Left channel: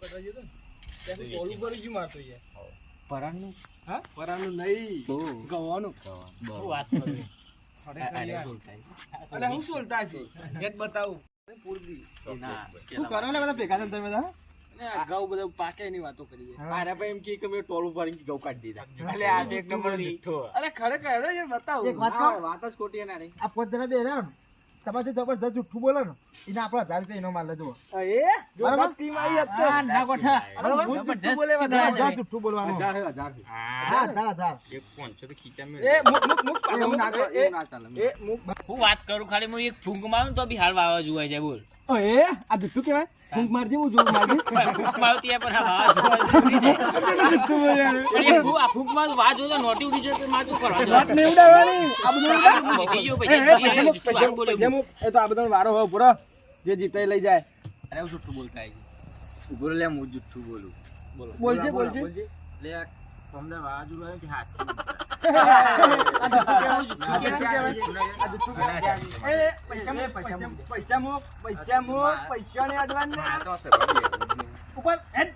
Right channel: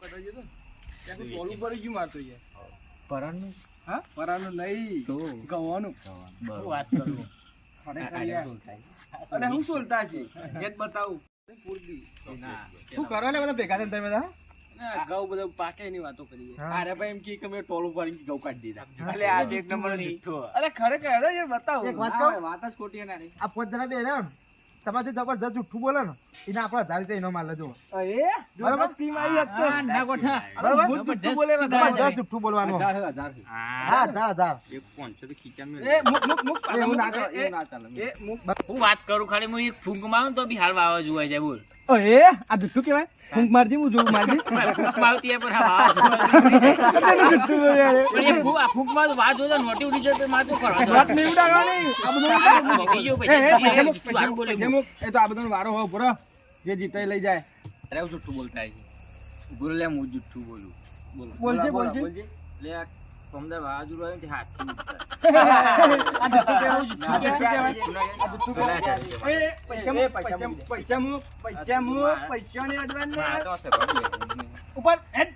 કટા જતો ને ત્યાં ટોલું ભરી ગયું મારતો યાર. પરાણનું હા પરાનું નહીં ગવાનું. શું વાત કરું ખરેખર યાર. અરે હું સોલતા છે એ જ બતાવું પૂરતી શું કરો લે બધા ભેગા થઈને તમે બધા? ને ઘઉં બધું પાકે એની વાતો કરીએ. અરે ભાઈ એમ કે મેં ટોલું ભરીને ઘઉં કાઢી દીધા. એટલે આ એક નંબર જુઠ્ઠો. અરે ખરેખર હેડો યાર બતાવું. એક વાત કહું? વાત જ ખોટી હે ને. આ 5 જણા બે રહ્યા ને તમારાથી જબરજસ્ત જુઠ્ઠું બોલે ને એને આપણે 1000 રૂપિયા ઇનામ આલે જો. એ જો બરાબર? બસ સ્કીમ આવી હતી તો. ના ગોઠા. અરે હું જુઠ્ઠું બોલે વધારે. જબરજસ્ત જુઠ્ઠું બોલવાનું. 1000 હા 1000 એક 500 તો ખીચા મેં. એ મુક મુક મુક એવું ના ચાલે, એ એવું ના ચાલે. એ મુક. હું વાત કરું ખાલી હું એક ફૂંક મારું તો બી હાલ વાવાઝોડું હોય છે બોલ એ આ જુઠ્ઠું કહેવાય. ફૂંક મારજી હું જોઉં મારજી. ફૂંક મારતી હે પણ આ વાવાઝોડું જુઠ્ઠું બોલે યાર. આ ફૂંક મારું વાવાઝોડું તો નોટી ઉડી જશે માર તો વાત કરવા નહીં ઉડાડવાની. આ બધું જીતી ગયો પૈસા મુક, પછી પૈસા મુક, પૈસા મુક. એ તો આ બધાનો વારો હોય પૂરો. જે જીતે લઈ જાય. અરે હું જુઠ્ઠું બોલતા બોલ લે હું જુઠ્ઠું બોલું. બોલો બોલજે બોલજે. લે પમદાર વાવાઝોડું આવ્યું તે હાથ એ પૈસા મુક, પૈસા મુક, પૈસા ને અડવાન ઉપર હેડ.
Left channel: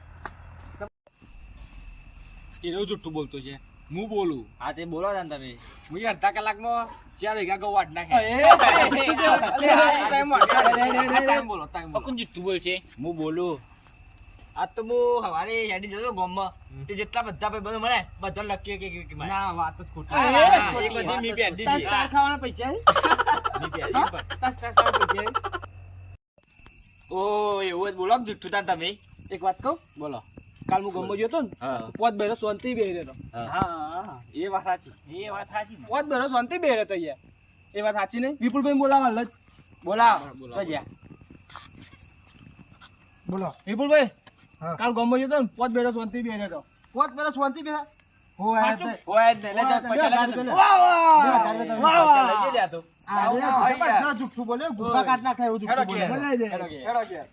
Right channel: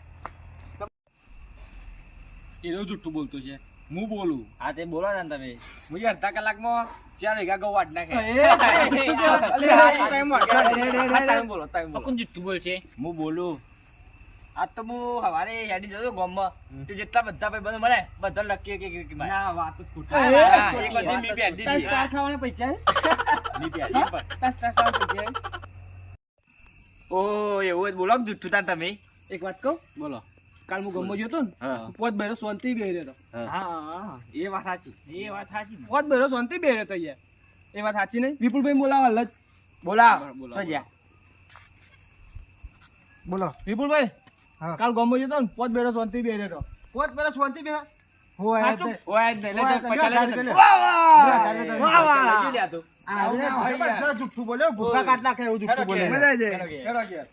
એનો જુઠ્ઠું બોલતો છે હું બોલું. હા તે બોલો ને તમે હું અડધા કલાકમાં 4 વીઘા ઘઉં વાઢ નાખે. કોણ જુઠ્ઠું બોલશે હું બોલું. આ તો હું હવારે હેડી જતો ગામમાં તે જેટલા બધા ભાઈ બધું મળે બધા લકી કે ના વાત જ ખોટી. એ બધી મી બેઠી તાર સ્ટાર ખાવાના પૈસા હે? ની પ્યારી પણ. તાર સ્ટાર ખાવાના પૈસા હે? ઓ એવું જ બોલો કે જુઠ્ઠું તાર તમે એક વાત કહું? બોલો. કાલ હું ગમો ગયો હતો ને હા. પોત બહેરો શાંતિ બેહી રહ્યો હતો. હા એ વાત સાચી. એ વાત સાચી ને પોત બહેરો શાંતિ બેહી રહ્યો હતો યાર. એ વાત સાચી નહીં? વિપુલભાઈ બોલાવા હાલ જ. બોલાવ. બોલો. તો જા. બોલો. વિપુલભાઈ હા. કાલ ગમો ગયો હતો ને પોત બહેરો શાંતિ બેહી રહ્યો હતો. 5 પેલા શાંતિ પેલા હોય સાચું? તે. ઓય જ નહીં, લઈ જાઓ, પૈસા લઈ જાઓ. વાહ, વાહ, વાહ. વાહ, વાહ. લઈ જા તો આ જબરજસ્ત જુઠ્ઠું બોલે ભૂખા કાઢ નાખે એવું જુઠ્ઠું બોલે. મજા આવી જાય. હેડો ઘેર.